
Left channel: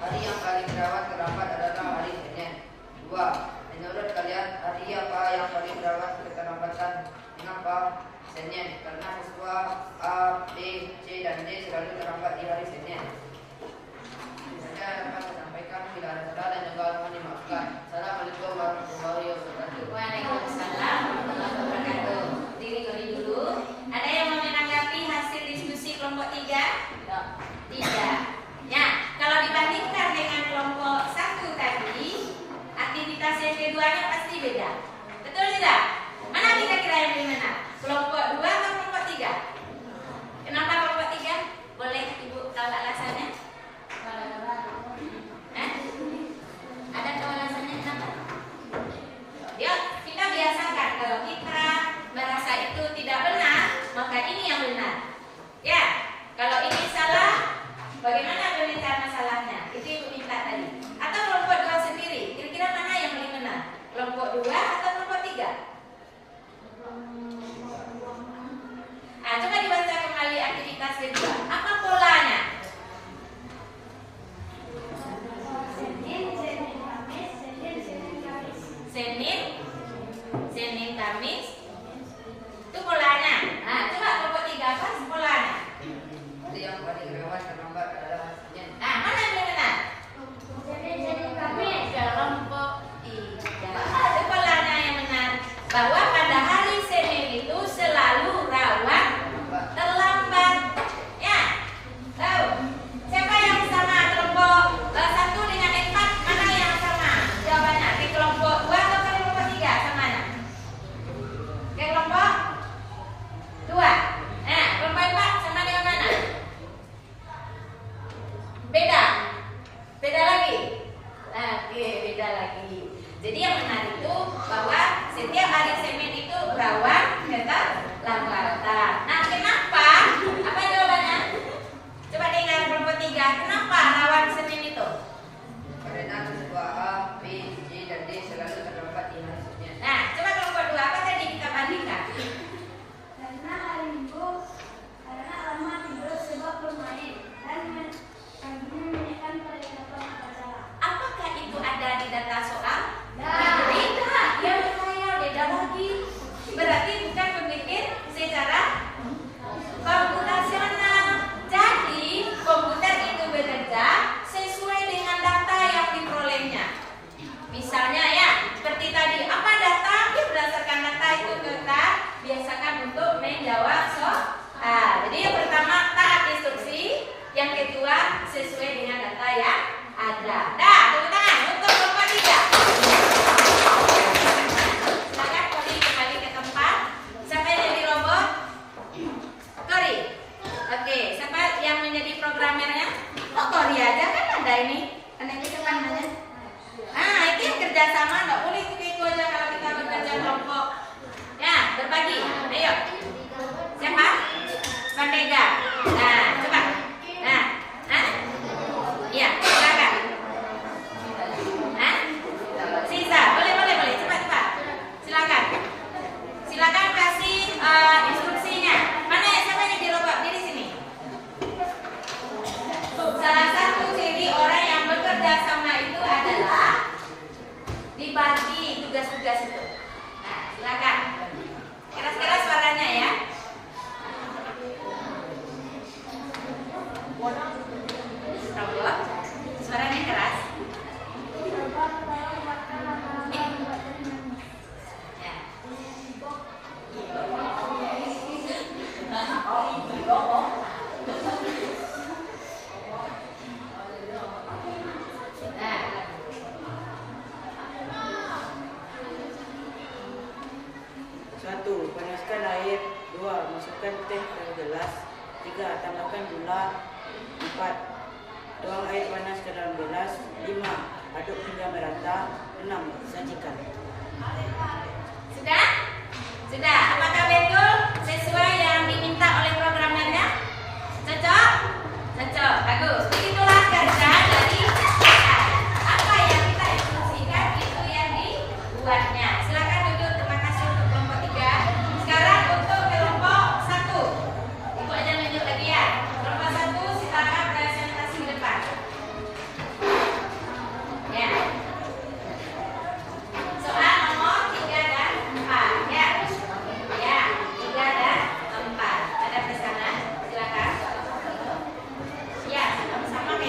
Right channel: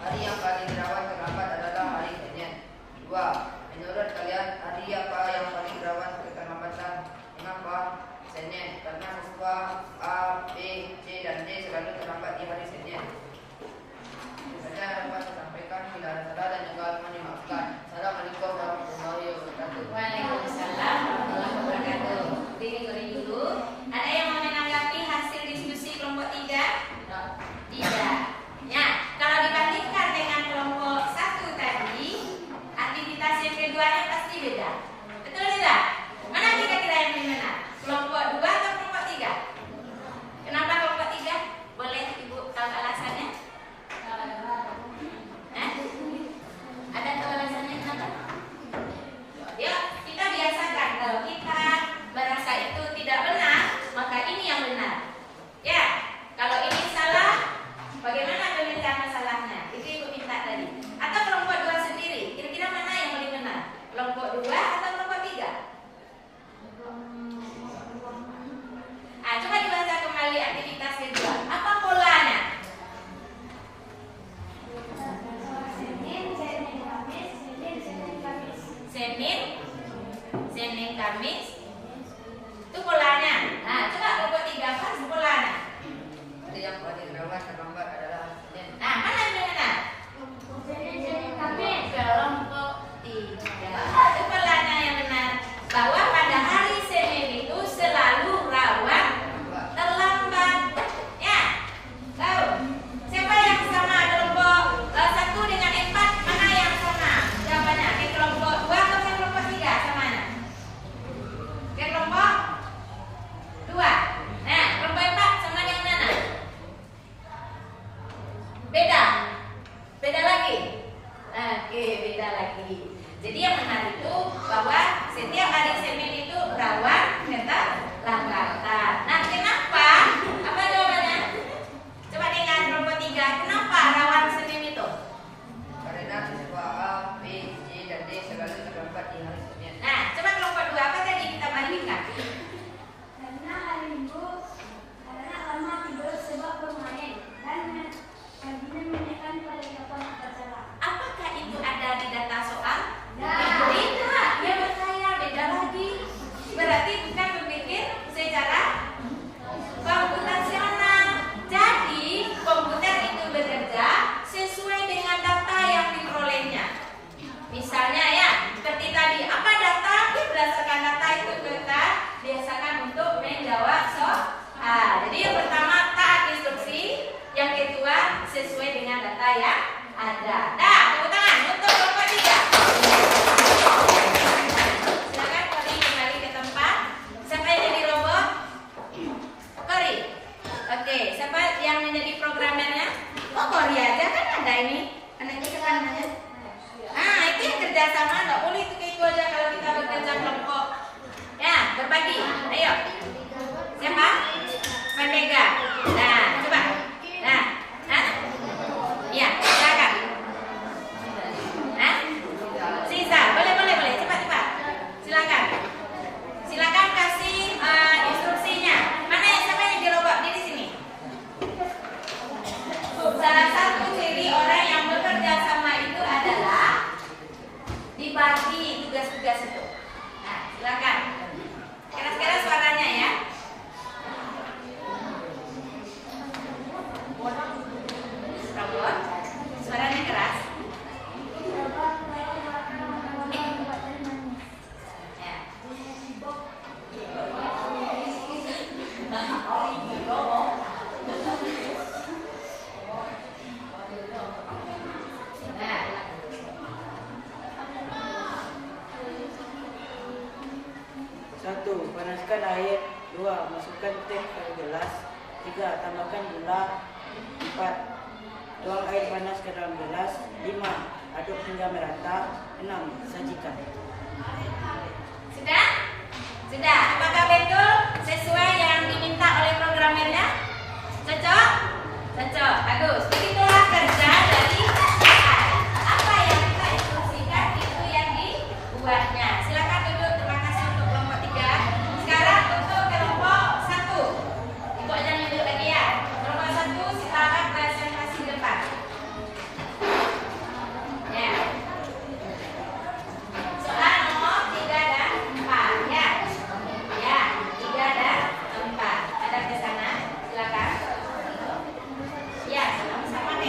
Hari yang paling rawan terlambat adalah hari Senin. 2. Menurut Kamis itu polanya. Nah, coba kelompok 3 apa polanya? Jadi yang paling rawan terlambat adalah Senin. Nah, mana yang benar? Senin Kamis. Kelompok 3. Itu polanya yang benar. Bahwa pada hari Senin itu selalu rawan terlambat. Ya. Tahu? Siapa yang sama kelompok 1 dengan 4? Mana yang sama? Jawabannya ke kelompok 2 atau ke kelompok 3? Sama mana? Ke kelompok 2. Nah, kelompok 4 sama dengan mana? Beda. Beda lagi. Oke, beda lagi. Jadi yang benar itu bahwa setiap hari Senin itu rawan keterlambatan. Nah, kenapa? Apa jawabannya? Coba dengar kelompok 3. Kenapa rawan Senin itu? Karena siswa A, B, C, dan D selalu terlambat di hari Senin. Nah, coba kelompok 2 apa tadi kita bandingkan? Karena hari Minggu, karena lama tidur sebab bermain dan paginya menekan persiapan upacara. Apakah itu ada di data soal? Ya. Beda, ya berkhayal beda lagi. Berarti bukan berpikir secara komputasional. Jadi komputer itu bekerja sesuai dengan data yang diperolehnya. Misalnya ya, seperti tadi, apa data? Ya berdasarkan data itu kita biasakan untuk menjawab soal. Jadi yang pertama taat instruksi, yang kedua sesuai dengan data yang ada. Dah, tepuk tangan untuk kelompok 3. Silakan Kori kembali ke tempat. Siapa yang jadi robot? Kori. Oke, siapa yang menjadi programmernya? Oh, Kori aja kan ada ini. Ada ini namanya. Itu yang kerjasama, nggak boleh itu aja kalau kita bekerja kelompok. Ya, berbagi. Ayo. Siapa? Bandega. Nah, coba. Nah, iya, silakan. Sisa, boleh, cepat. Silakan kasih instruksinya. Mana yang siapa yang dirobot di sini? Salah satu ciri orang yang bekerja sama itu adalah dibagi tugas-tugas itu. Nah, silakan. Keras-keras suaranya ya. Robot, suaranya keras. Ya. Nah. Satu, panaskan air. 2, masukkan teh ke gelas. 3, tambahkan gula. 4, tuang air panas ke dalam gelas. 5, aduk hingga merata. 6, sajikan. Sudah? Sudah. Apakah betul sesuai yang diminta oleh programmernya? Cocok? Cocok. Bagus. Begitulah kerja dari AI. Apa yang kita instruksikan itu yang dibuatnya. Silakan duduk. Terima kasih untuk kelompok 3. Sekarang untuk kelompok 1. Kelompok jangan nunjuk lagi ya. Kelompok 1 silakan presentasi depan. Ya. Soal nomor 3 dan 4 ya. Ya, 3 dan 4. Ada ke sana, silakan. Ya, sama-sama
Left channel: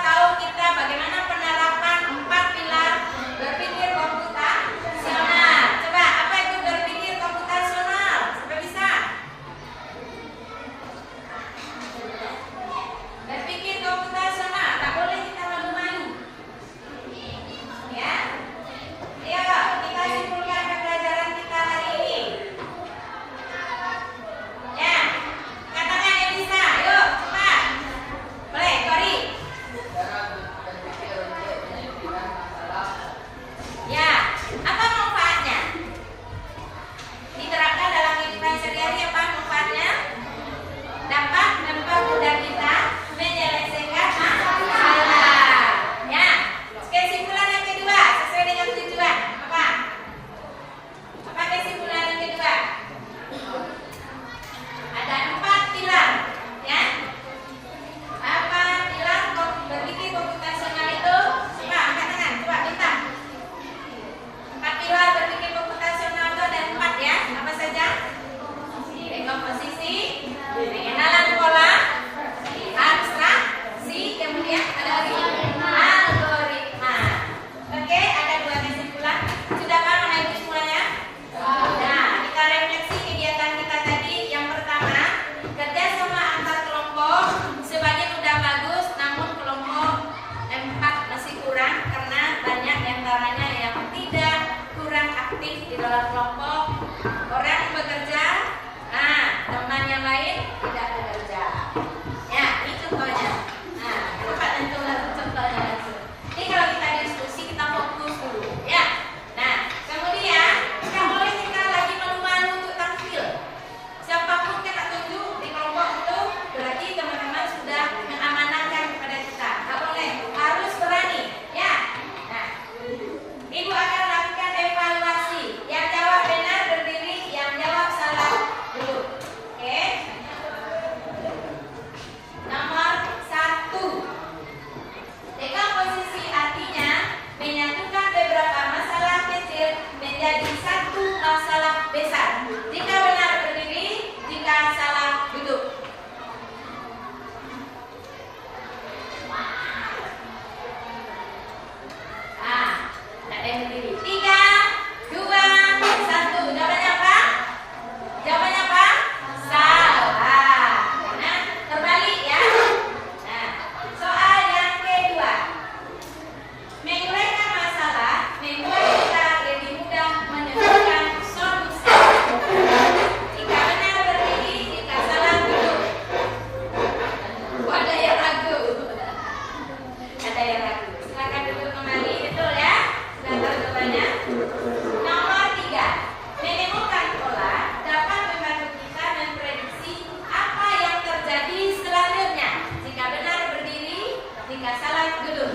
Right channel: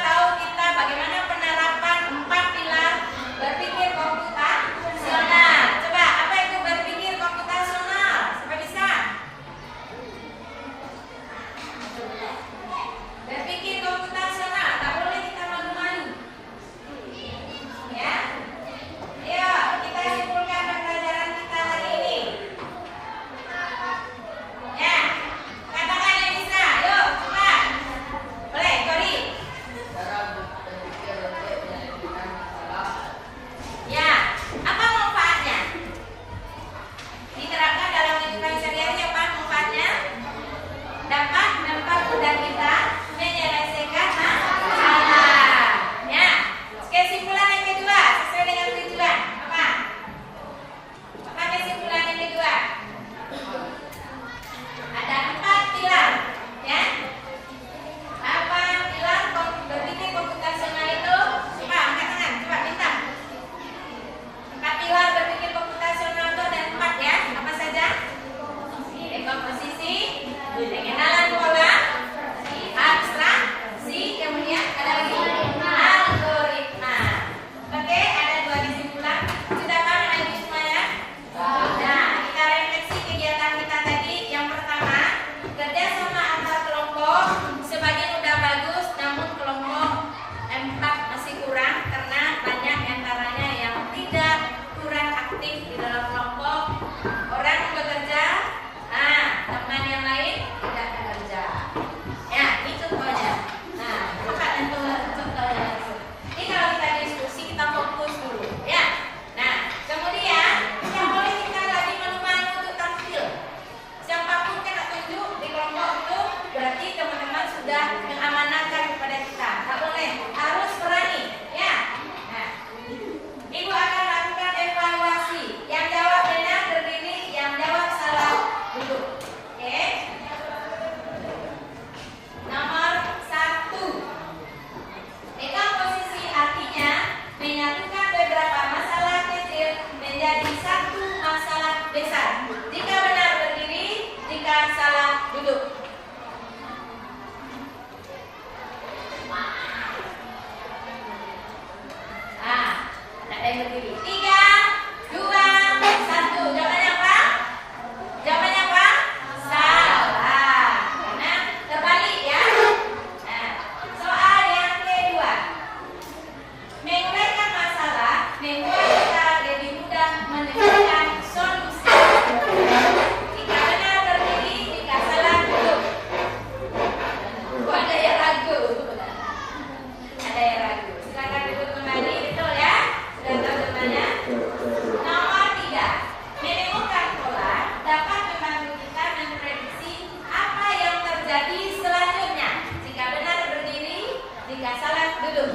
tahu kita bagaimana penerapan 4 pilar berpikir komputasional. Coba, apa itu berpikir komputasional? Siapa bisa? Berpikir komputasional, tak boleh kita malu-malu. Ya. Ayo, kita simpulkan pembelajaran kita hari ini. Ya. Katakan yang bisa. Ayo, cepat. Boleh, Kori. Cara berpikir untuk menyelesaikan masalah. Ya. Apa manfaatnya? Diterapkan dalam kehidupan sehari-hari, apa manfaatnya? Dapat mempermudah kita menyelesaikan masalah. Ya. Kesimpulan yang kedua sesuai dengan tujuan. Apa? Apa kesimpulan yang kedua? Ada 4 pilar, ya. Apa pilar berpikir komputasional itu? Coba angkat tangan, coba bintang. 4 pilar berpikir komputasional itu ada 4 ya. Apa saja? Dekomposisi, pengenalan pola, abstraksi, kemudian ada lagi algoritma. Oke, ada 2 kesimpulan. Sudah paham itu semuanya? Nah, kita refleksi kegiatan kita tadi. Yang pertama, kerjasama antar kelompok sebagian udah bagus, namun kelompok 4 masih kurang karena banyak diantaranya yang tidak kurang aktif di dalam kelompok. Orang bekerja, teman yang lain tidak bekerja. Ya, ini contohnya. Nah, coba tentukan contohnya langsung. Ini kalau kita diskusi kita fokus dulu, ya. Nah, kemudian tidak boleh kita lagi malu-malu untuk tampil. Siapapun kita tunjuk di kelompok itu berarti teman-teman sudah mengamanahkan kepada kita. Tak boleh, harus berani, ya. Nah, Ibu akan lakukan evaluasi. Yang jawab benar berdiri, yang jawab salah duduk. Oke. Nomor 1. Dekomposisi artinya menyatukan beberapa masalah kecil menjadi satu masalah besar. Jika benar berdiri, jika salah duduk. Ada yang berdiri. 3, 2, 1. Jawabannya apa? Jawabannya apa? Salah. Karena terbalik ya. Nah, soal yang kedua. Menguraikan masalah membuat kita lebih mudah menemukan solusi. Jika benar berdiri, jika salah duduk. Ada yang ragu. Ada yang ragu. Silakan duduk kembali, betul ya? Sudah tahu jawabannya? Nomor 3. Menemukan pola dapat membantu kita memprediksi apa yang terjadi selanjutnya. Jika benar berdiri, jika salah duduk.